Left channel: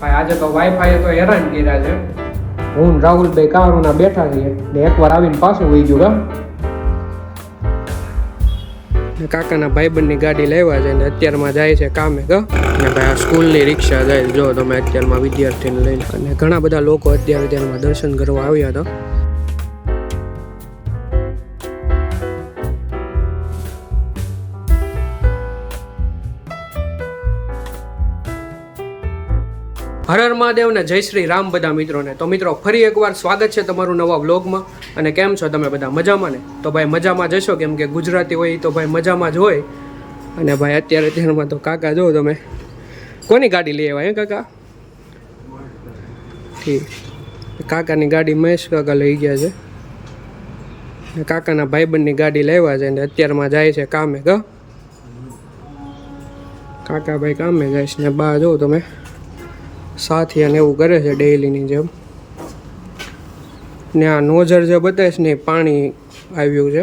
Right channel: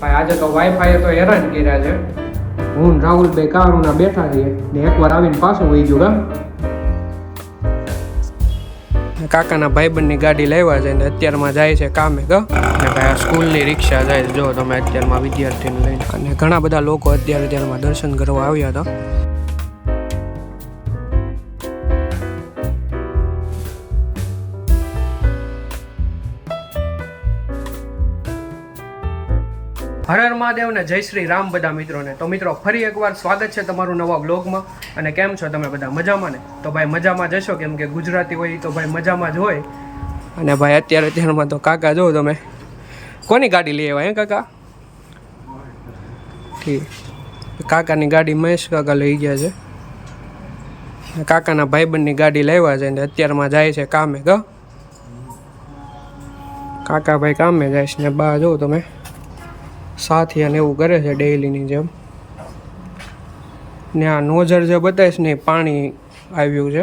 ભાઈ આજે તો વાઈફાઈ તો હેરાન કર્યા છે. હું ને રાહુલભાઈ કારુના બેઠા છીએ ને એકવાર આવીને પાછું વહી ગયું ને કાકાના ભાઈબંધની ગાડી લેવા છે ને અત્યારમાં જાય છે કામે ને ભાઈ આ સ્કૂલની રિક્ષા જાય જો તમે અત્યારમાં વિદ્યાર્થીને લઈને અને ઘણા બધા લોકો અત્યારમાં દર્શન કરવા આવ્યા હતા. હર હર મહાદેવ ને જય શ્રી રામ બધા મિત્રોને. તો મિત્રો ફરી એકવાર સ્વાગત છે તમારું નવા વ્લોગમાં. અને કેમ છો તમે બધા મજામાં ને? તો ભાઈ મજામાં જશો કેમ કે ગુજરાતી હોય તો ભાઈ મજામાં જ હોય. અને ભાઈ અત્યારમાં તો કાકા જો તમે કોની ગાડી લઈ આવ્યા હે કાકા? ઠીક, કાકાની ગાડી મહેશ કાકા લઈ ગયા છે ને કાકાના ભાઈબંધની ગાડી લેવા છે ને અત્યારમાં જાય છે કામે કાકા ભાઈ કામે જાય છે ને બા જો તમે સાથી અને એવું કરે છે ડેઈલીની જેમ. ને આ નોઝર જે બતાવીશ ને પાણી આવ્યું છે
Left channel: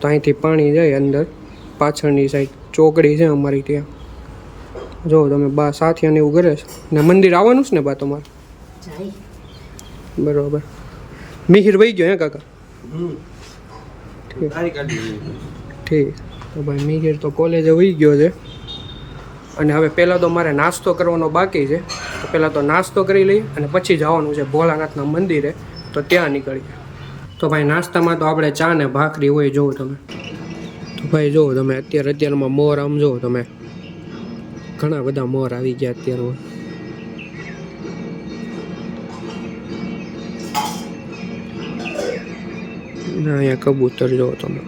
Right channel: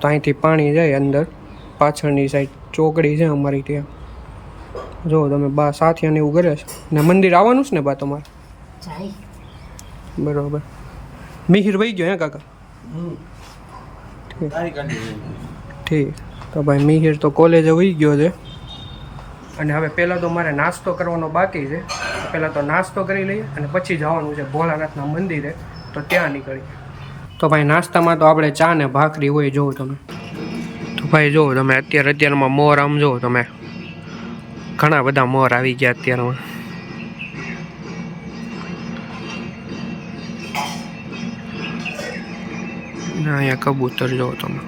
તો અહીંથી પાણી જાય અંદર પાછળની સાઈડ ચોકડી છે અમારી ત્યાં. જો તમે બા સાથી અને એવું કરે છે ને મંદિર આવવાનું છે ને બા તમારે? બરોબર. મિહિર વહી ગયો હે કાકા? ઠીક. તો ભાઈ મિહિર તો કોલેજે વહી ગયો છે અને હવે પહેલાં તો મારે નાસ્તો કરવાનો બાકી છે. તો પહેલાં તો નાસ્તો કરી લઈએ અને પછી જવાનું છે ભોળાનાથના મંદિરે, તો ત્યાં નીકળી. તો ભાઈ નાસ્તામાં તો આપણે ચા ને ભાખરી હોય જોવો તમે. તો ભાઈ જોવો તમે અત્યારમાં મોર આમ જોવો તમે ઘણા બધા મોર આવી ગયા અત્યારમાં. અહીંયા કબૂતર જોવો તમે.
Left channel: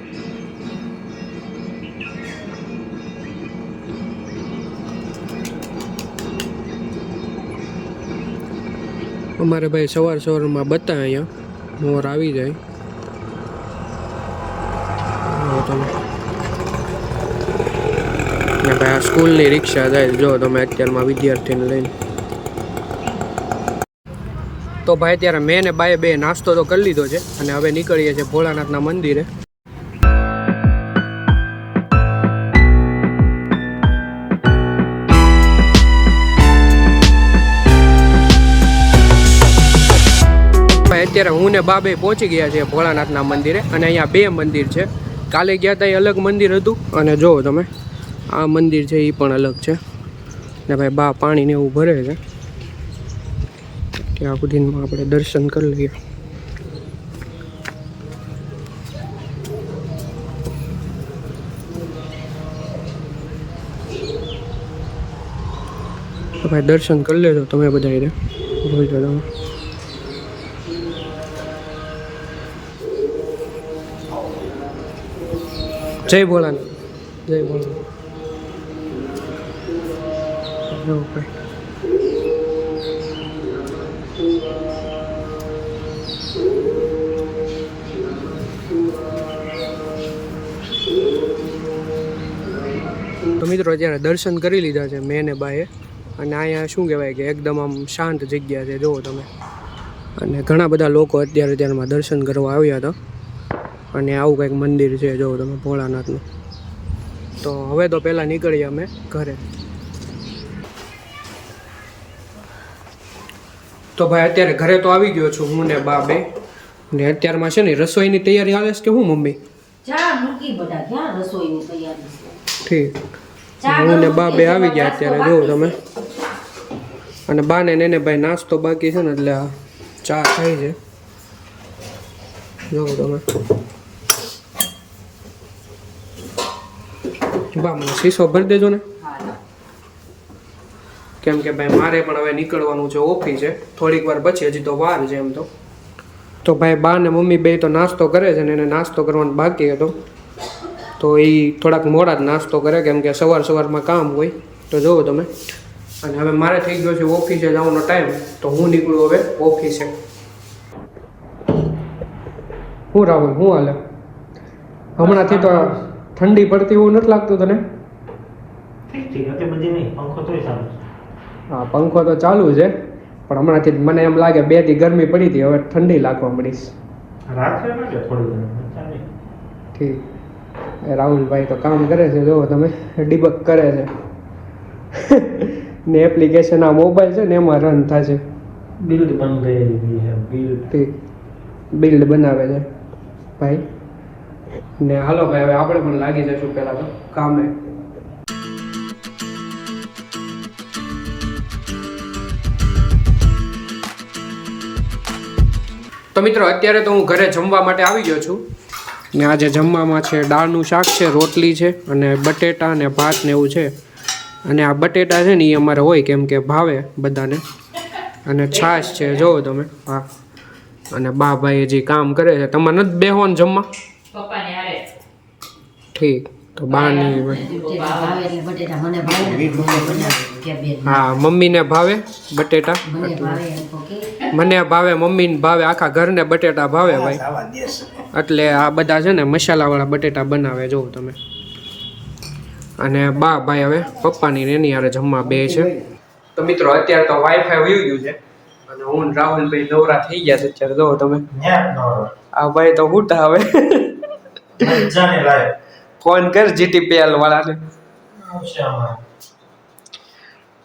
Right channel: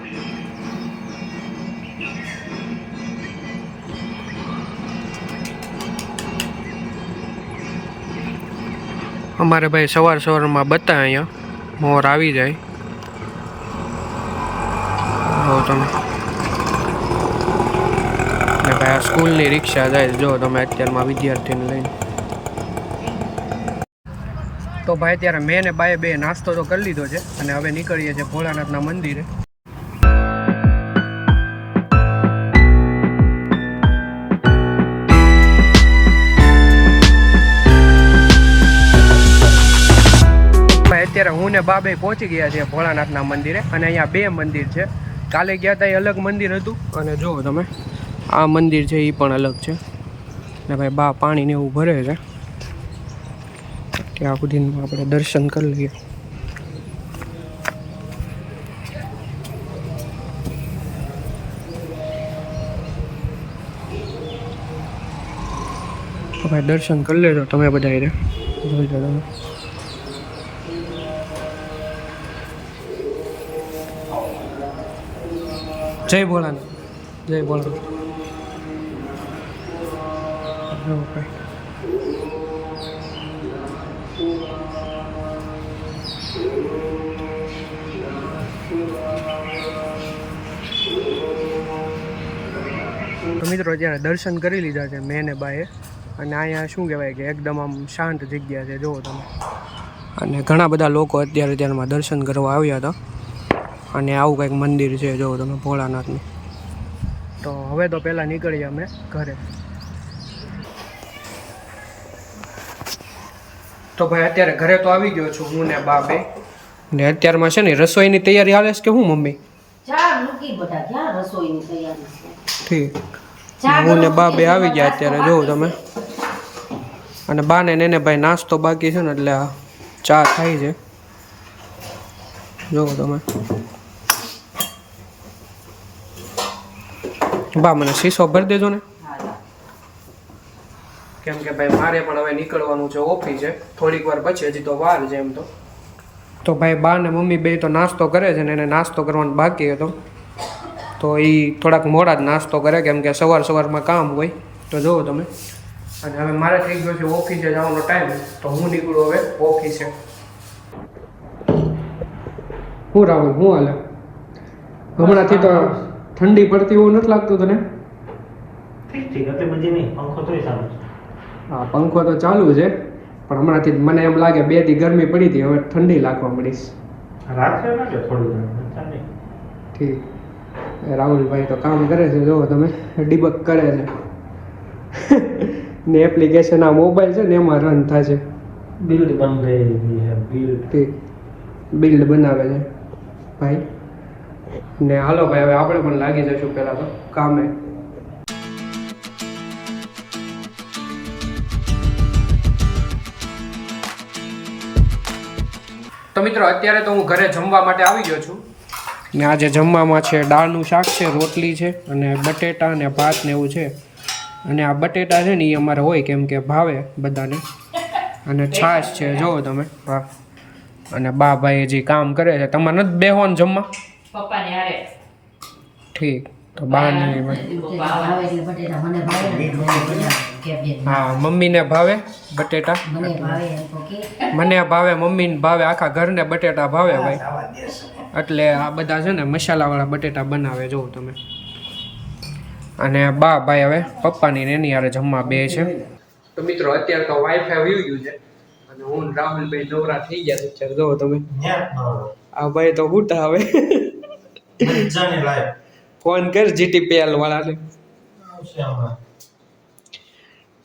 અમારે ભાઈ સવારમાં બતા અહીંયા મોર આવી જાય. જો તમે ને ભાઈ આ સ્કૂલની રિક્ષા જાય જો તમે અત્યારમાં વિદ્યાર્થીને લઈને. તો ભાઈ અત્યારે મેં ને બાએ બે નાસ્તો તો કરી લીધો છે અને હવે નીકળીએ છીએ ભોળાનાથના મંદિરે. અત્યારે હું ને બા બે પહોંચી ગયા છે ભોળાનાથના મંદિરે અને અહીંયા બે મંદિર છે. કાલે ગયા હતા એ અલગ મંદિર હતું અને જુઓ તમે આ મંદિર છે એ પણ અલગ છે. ને ભાઈ બા પાણીને એવું ભરે છે ત્યાં સુધીમાં આપણે દર્શન કરી લઈએ. તો ભાઈ દર્શન કરી લેજો તમે બધા રે જોઈજો તમે. જય ભોળાનાથ, જય ભોળાનાથ. એવું ભાઈ તો મિત્રો અત્યારે દર્શન કરી લીધા છે મેં ને બાએ. અને અહીંયા શું કહેવાય કે એકદમ આમ શાંત જગ્યા છે જુઓ તમે. અને ઘણા બધા લોકો અત્યારમાં દર્શન કરવા આવ્યા હતા અને આવું કંઈક મંદિર છે જો તમે ભોળાનાથનું. તો હવે તો પહેલાં નીકળીએ અમે ઘરે. તો ભાઈ અત્યારે ઘરે તો આવી ગયો છું હું ને બા બે ને અત્યારમાં છે ને રસોઈની તૈયારી હાલે છે કે હું મમ્મી? ઠીક. હું ને બા બે આવી ગયા અત્યારે જોઉં તમે. અને બાને ને ભાઈ નાસ્તો બાકી છે ને એટલે ચા થાય છે જોવો તમે. બા મને શીશો ભરી દેજો ને કેમ કે ભાઈ મારે પણ હવે નીકળવાનું છે ઓફિસે થોડીક વાર પછી, હજી તો વાર છે એમ તો. તો ભાઈ બા ને મમ્મી બે તો નાસ્તો કરે છે ને એને નાસ્તો કરવાનો બાકી હતો તો એ થોડાક મોડા જ નાસ્તો કરે કેમ કે સવારમાં કામ હોય. તો જુઓ તમે. અને હવે મારે થઈ ગયો છે ઓફિસે જવાનો ટાઈમ તો હું નીકળું હવે ઓફિસે. હું રાહુલ હું હાલે હમણાંથી તો ઠંડી પડતી એવું નથી લાગતું તને? હા પંખો તો ચાલુ છે પણ હમણાંથી મને એમ લાગે 2 દી ગરમી પડી હતી હવે ઠંડી લાગવા મળીશ. ઠીક. રાહુલભાઈ તો કામ કરે છે જો તમે ડિબક કરે છે ને એપ્લિકેશન આ મોબાઈલ છે ને એમાં રન થાય છે. બિલ્ડ બનવે બિલ્ડ બિલ્ડ બનાવે છે ભાઈ. ને હાલો ભાઈ હવે આપણે પણ લાગી જશું પહેલાં તો કામે. તો મિત્રો અત્યારે તો હું ઘરે જમવા માટે આવી ગયો છું ને આજે જમવામાં છે દાળનું શાક છે, રોટલી છે અને બટેટા ને ભાત ને એવું છે. અને આ બટેટા છે ને એ અમારે હોય કેમ કે ભાવે બધાને. અને છાશ છે જોવો તમે. હા અને બા ભાઈ હજી કામ કરે છે. તમારે નથી બેહવાનું જમવા? ઠીક તો બાની હા મમ્મીને ભાવે બટેટા, મને ભાવે, મમ્મીને ભાવે, આખા ઘરને બટેટા ભાવે ભાઈ. એટલે આ બધા છે ને મસાલાવાળા બટેટા બનાવે જોવો તમે. અને બા ભાઈ હવે પપ્પાની ને એની યારે જમવા બે છે. તો મિત્રો અત્યારે તો વાઈફાઈ વયું ગયું છે અને હું રાહુલભાઈ નવરા થઈ ગયા છે અત્યારે જોવો તમે. આ ભાઈ તો ઉઠા હવે ફોન કર જીટીપીએલ વાળાને.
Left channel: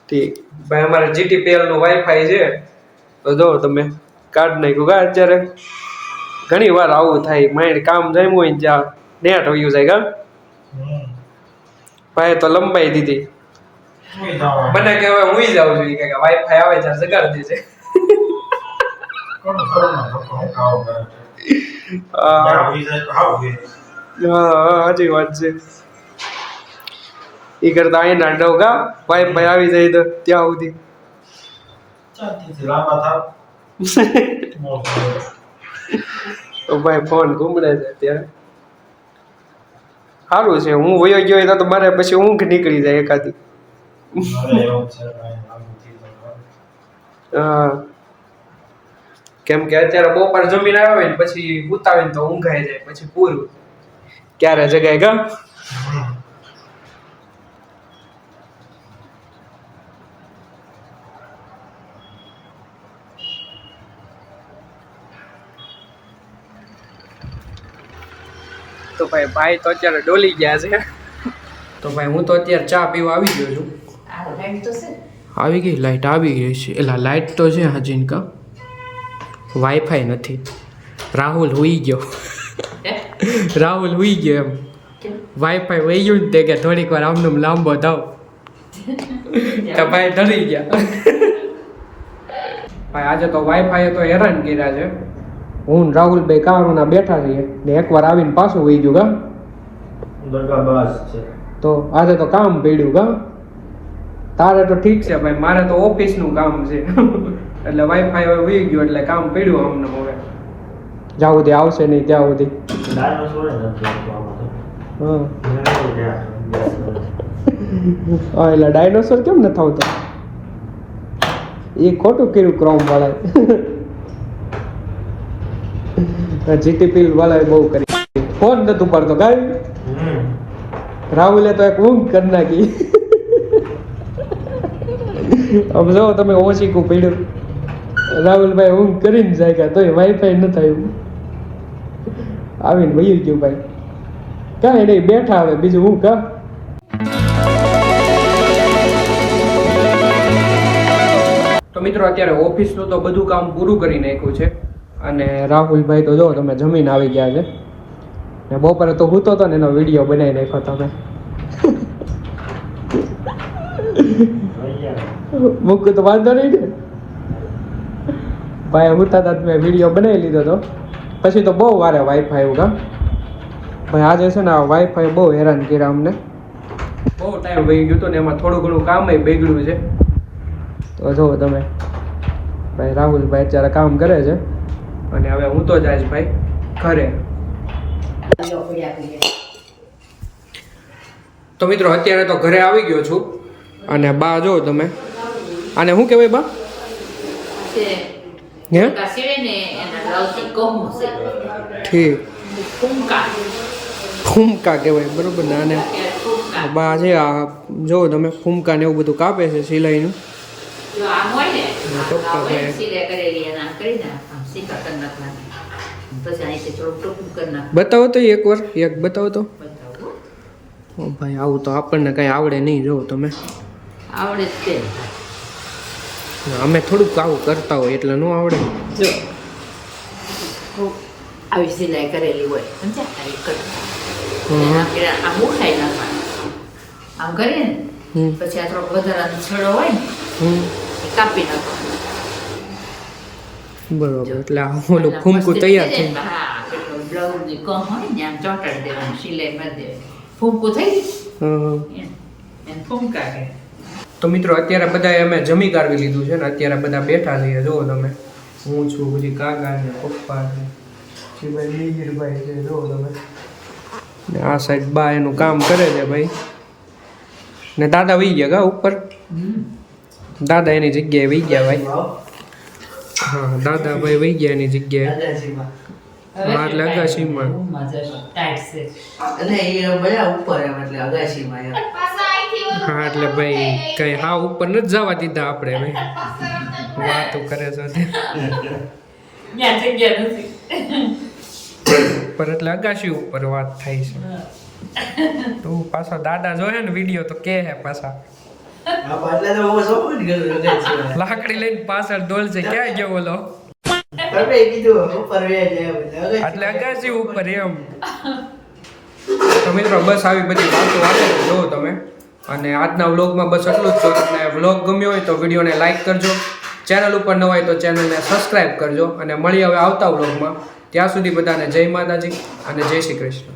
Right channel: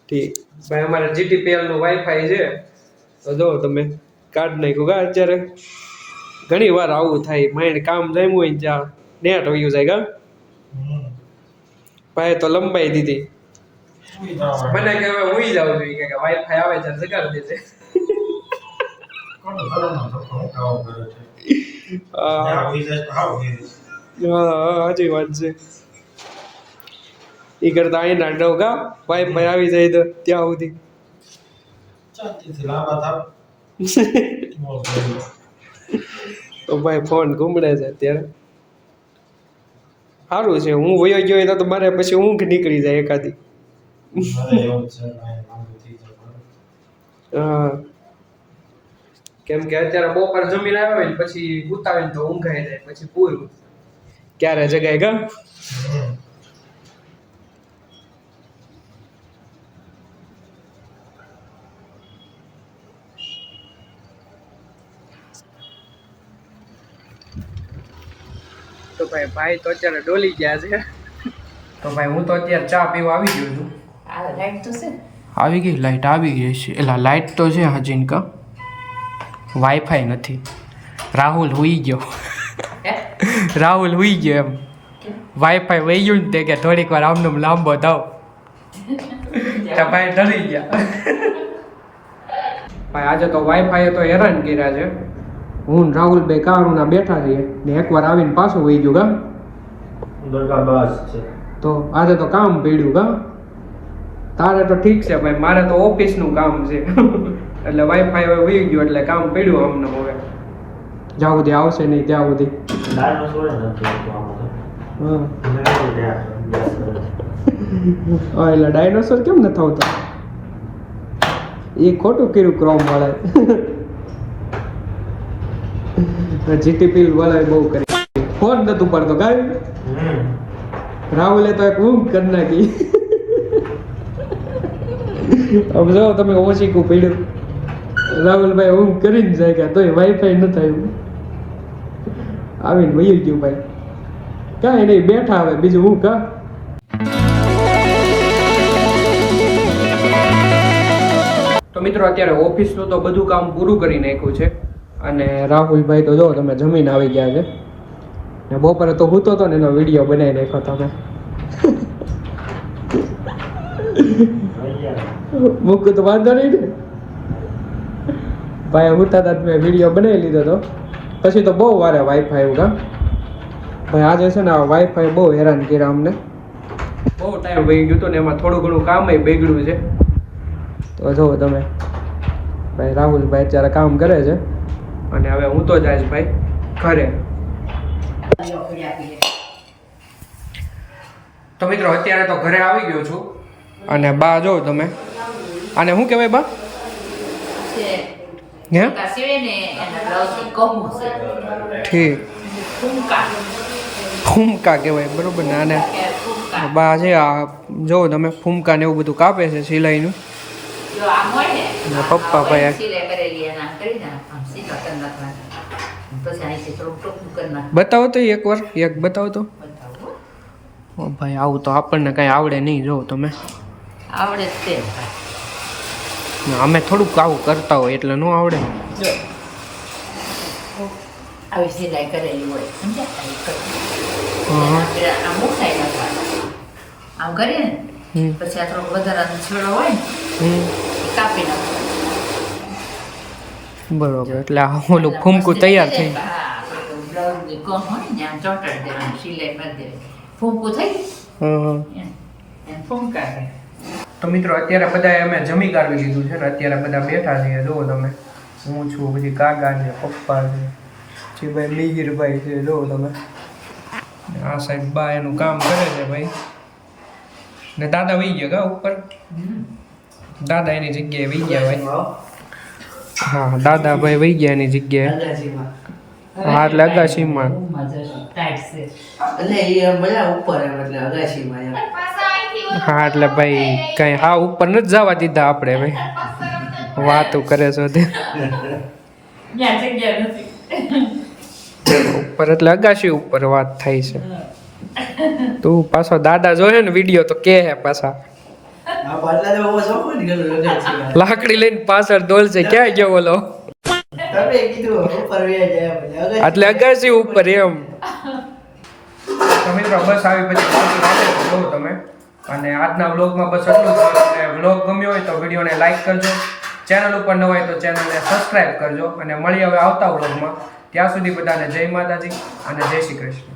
ઠીક ભાઈ અમારે જીટીપીએલ નું વાઈફાઈ છે તો જો તમે કાર્ડ નાખ્યું કા. અત્યારે ઘણી વાર આવું થાય, માઇન્ડ કામ જાય હોય ને ત્યાં નેટ વયું જાય કા. ભાઈ તો લંબાઈ દીધી મને કે હવે હુઈ જાવ છું કે વાઈફાઈ આવે છે જગાડી દેજે. હા સાચી વાત છે. ઈ કરતા અહીં ના રહો કા વાઈફાઈ આવી જાય તો ત્યાં સુધી તો ભાઈ ફોન ઘૂમડે છે ત્યાં. સારું છે હું વયો ગયો તો મારે પછી ઊંઘ નીકળી જાય એકાદી. હા કેમ કે અત્યારે બપોર જમીન આવે ને પછી ઉતાવે ને તો ઊંઘાઈ જાય પછી પૂરું. ક્યારે જગાય ગા. તો ભાઈ તો અત્યારે ડોલી ગયા છે. તો ભાઈ હું તો અત્યારે ચા પીવા આવી ગયો છું. આવી ગઈ લાઈટ આવી ગઈ છે. એલા લાઈટ તો છે હાજીન કા, વાઈફાઈ નથી. રાહુલ હુઈ ગયો. રાહુલ હુઈ ગયો એમ. વાઈફાઈ વહી ગયું ને તે કે થોડીક વાર આમનો લાંબો થાવ તો ભાઈ ડરી ગયા. ભાઈ આજે તો વાઈફાઈ તો હેરાન કર્યા છે. હું રાહુલભાઈ કારુના બેઠા છીએ ને એકવાર આવીને પાછું વહી ગયું કા. તો આજે તો કામ પડ્યું કા. તારે તો ઠીક છે ભાઈ, મારે તો ઓફિસનું કામ છે એટલે વાઈફાઈ હવે વહી ગયું એટલે કામ પડ્યું અમને. હવે જ્યાં સુધી આવશે નહીં ત્યાં સુધી. હા એટલે ડાયનોસોર કેમ નથી આવતા? એ ખોટું કર્યું ક્રોમ વાળા. જીટીપી વાળા બહુ કરી ફોન નતું પડતો ગાય. રાહુલે તો એક ઊંઘ કરી નાખી. હવે જો તમે ઓછીકું પડ્યું. રાહુલભાઈ ઊંઘ કરીને જાય ગયા તોય વાઈફાઈ ન થયું. આવીને વહી ગયું ભાઈ. કાંઈ નહીં બેઠા હવે બીજું હું કા. તો મિત્રો અત્યારે ઓફિસનું તો બધું કામ પૂરું કરી નાખ્યું છે અને રાહુલભાઈ તો જો તમે જમીન આવી ગયા છે ને બપોરે તો હૂતો હતો ને એનો વિડીયો બનાવી નાખ્યો તમે. મૂકું તો વાંધો નહીં ને ભાઈ. હૂતા હતા મેં વિડીયો બનાવી લીધો હતો પછી તો બહુ વારે વાઈફાઈ આવ્યું કા ભાઈ. આજે છે ને વાઈફાઈ બહુ હેરાન કર્યા અમને. બહુ ટાઈમ વહી ગયો હતો ને એમાં થોડું ઘણું કામ બગડ્યું છે. તો જો તમે ભાઈ રાહુલભાઈ અત્યારે કામ કરે છે અને હવે હું તો જઈશ ભાઈ ઘરે. તો મિત્રો અત્યારે તો ઘરે આવી ગયો છું અને બા જો તમે આને શું કહેવાય બા? ઠીક ફૂમકા કહેવાય બરોબર ને. આને બા છે આ જો તમે ફૂમકા ને એવું બધું કાપે છે સિલાઈનું. પપ્પા ભાઈ બતાવો તો એકવાર એક બતાવો તો. ભાઈ આવું તો આપણને કઈ આવડે નહીં. જો તમે આવડે જ છે અમે થોડુંક આવું કરતા હોય એટલે ન આવડે. જો આવી સિલાઈ કરેલી હોય સમજ્યા આવી કટ હા. આમ ઉખાઈ નાખવાના આમ કરીએ ને હમ. પછી આ થોડોક વધારાનો છેડો હોય ને હમ. એ કાપી નાખવાનો. બરોબર, એટલે આ ઓલું ફૂમકું તૈયાર થઈ. હા પેલું બ્લાઉઝ ની કહો હોય ને આમ ચોંટાડી દેવાનું સિલાઈ મારી દેવાની ફૂમકું થઈ ગઈ હા. એને ફૂમકા કહે. તો મિત્રો અત્યારે બધા અમે જમી કાઢવી લીધું છે ને અત્યારે બધા બેઠા છીએ. જુઓ તમે, હું છું, પછી કાકા ને પપ્પા ને પછી ભાઈ મિહિરભાઈ છે. જુઓ તમે, ને આ સાઈડ બા એનું કામ કરે છે ભાઈ. ને દાદા વહી ગયા ગા ઉપર. દાદા એની જગ્યાએ વહી ગયા ભાઈ. હા, દાદા ભાઈ વહી ગયા એની જગ્યાએ. હા, એટલે અગાશીમાં. હા, એટલે ભાઈ કઈ હા ઉપર નથી જવા દીધા આપણે ભાઈ. વાતો કરે છે તે ત્યાં જગ્યા નથી. ઉપર એટલે અગાશી ઉપર વાત થાય છે. તું પાછો દાદા જોયે ને વિડીયો તો કે હે પાછા લાકડી લઈને પાછળ દોલશે. ક્યાં ગયો બોલો? એટલે અગાશી ઉપર એમ. તો મિત્રો બસ આવી બધી વાતો આવે છે જો તમે. અને આજના વ્લોગમાં બસ એટલું જ. જો તમને વ્લોગ ગમ્યો હોય તો વિડીયોને લાઈક કરજો. ચેનલ ઉપર ન હોય તો ચેનલને સબસ્ક્રાઈબ કરજો. અને મળી હવે આવતા વ્લોગમાં. ત્યાં સુધી બધાને જય માતાજી અને જય શ્રી કૃષ્ણ.